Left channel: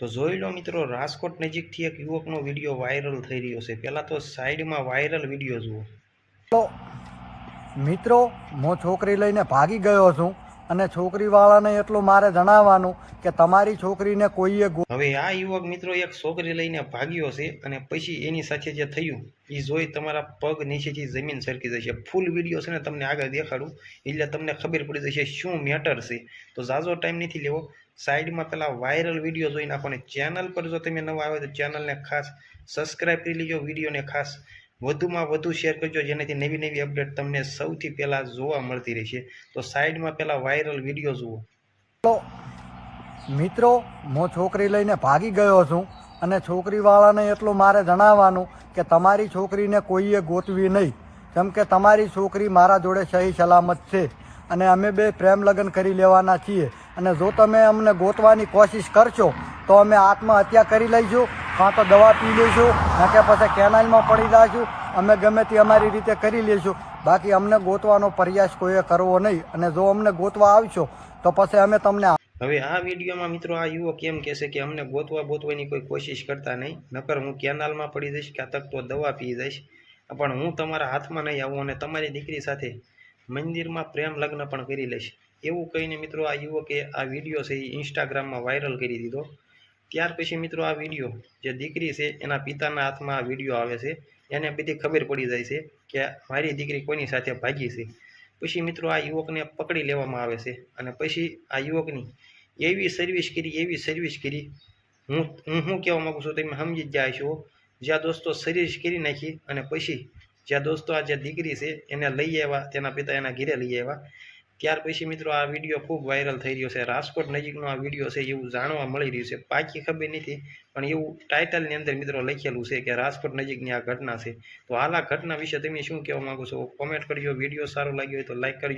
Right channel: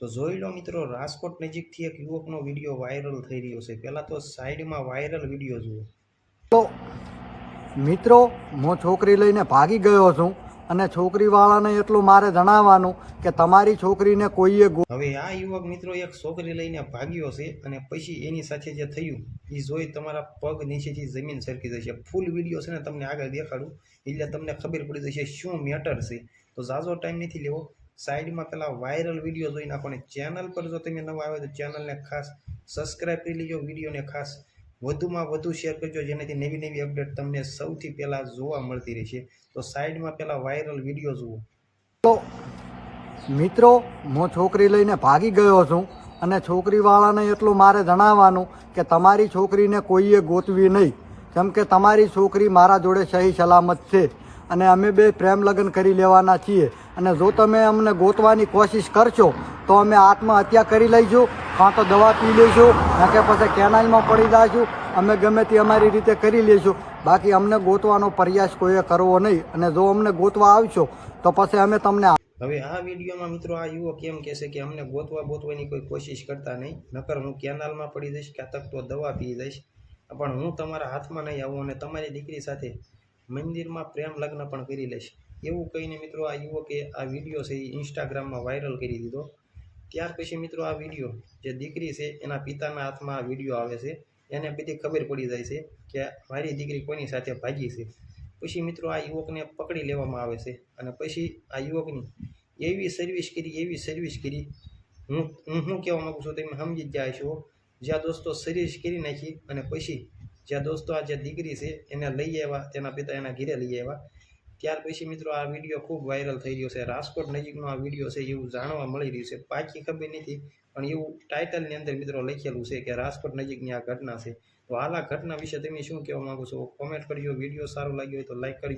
તો જોઈ લો મિત્રો, રાજકોટ નજીકથી એક યુવકનો વિડીયો વાયરલ થઈ રહ્યો છે. પહેલાં તો સાઈડમાં વાયરલ વિડીયો જુઓ. તો મિત્રો, હું છોકરી લઈને ભાગી ગયો છું અને છોકરીવાળાને એટલું મારે જણાવવાનું કે તમારી છોકરીને કોઈએ હવે આ યુવક મિત્રો એક છોકરી લઈને ભાગ્યો છે અને પછી એની સાથે જે થયું એ જોઈ તમારા પગ નીચેથી જમીન સરકી જશે. ફૂલ વિડીયો છે ને તમને આગળ દેખાડું એટલે તમને ખબર પડી જશે શું મેટર છે. તો ઝાઝો ટાઈમ નથી લેવો, સાઈડમાં પેલા વાયરલ વિડીયો જોઈ નાખો ને ચેનલ પર જો તમે નવા આવે તો ચેનલને ખાસ સબસ્ક્રાઈબ કરી લેજો, વિડીયોને ખાસ વધુમાં વધુ શેર કરજો, જેનાથી નવી નવી અપડેટ તમને સૌથી પહેલાં જોવા મળતી રહેશે. તો સાઈડમાં પેલા વાયરલ વિડીયો જુઓ. મિત્રો, હું છોકરી લઈને ભાગી ગયો છું અને છોકરીવાળાને એટલું મારે જણાવવાનું કે તમારી છોકરીને કોઈએ ગોતવી નહીં, કેમ કે તમારી છોકરી મારા જોડે સહી સલામત છે અને અમે બે પ્રેમ લગ્ન કરી લેવાના છીએ. અને જો તમે અમને ગોતવાની કોશિશ કરશો તો અમે આત્મહત્યા કરી લઈશું, કાં તો દવા પી લઈશું, ના કે પછી કેનાલમાં પડી જઈશું. અમે ગમે તે અમારી રીતે કરી લઈશું, બાકી અમને ગોતવાનો પ્રયાસ કોઈએ કરવો નહીં. અને જો અમને ગોતવા આવશો તો પછી અમે તમને હવે આ વિડીયોમાં મિત્રો આ યુવક એમ કહેશે કે અમને ગોતવાની કોઈ કોશિશ કરતા નહીં, નકર હું કેનાલમાં પડી જઈશ, ક્યાં તક તો દવા પી જઈશ, પણ હું તમારા હાથમાં નહીં આવું અને તમારી દીકરી સાથે મંદિરમાં પ્રેમ લગ્ન પણ કરી લઈશ. એવું કહીને મિત્રો આ યુવકે આ વિડીયો છે એ ઇન્સ્ટાગ્રામમાં વાયરલ કરી દીધો. ત્યાર પછી મિત્રો આ વિડીયો જે દીકરી છે એના પિતાના હાથમાં આ વિડીયો આવે છે, એને બધી ખબર પડી જાય છે કે મારી દીકરી કોની સાથે ભાગી છે. પછી મિત્રો આ યુવકને પકડી લેવામાં આવે છે અને પછી આ યુવકની એવી સર્વિસ કરી હું શું કહેવા માગું છું તમે સમજી જ જાય છો. જ્યાં દોસ્તો સર્વિસ કરી નાખી અને પછી જ્યાં દોસ્તો આ જે દીકરી છે એને લઈ આવ્યા, તેના પિતા એના ઘરે લઈ આવ્યા. ત્યાર પછી મિત્રો આ વિડીયો ખૂબ વાયરલ થઈ રહ્યો છે. રાજકોટ નજીકનો આ વિડીયો છે એવું જાણવા મળી રહ્યું છે. પાકી ખબર નથી, પણ એવું ટાઇટલની અંદર મિત્રો લખેલું છે કે રાજકોટ નજીકની આ ઘટના છે. તો હાલ આ ઘટના વિશે તમે શું કહેવા માગો છો? કોમેન્ટ કરજો. વિડીયો સારો લાગ્યો હોય તો લાઈક કરજો.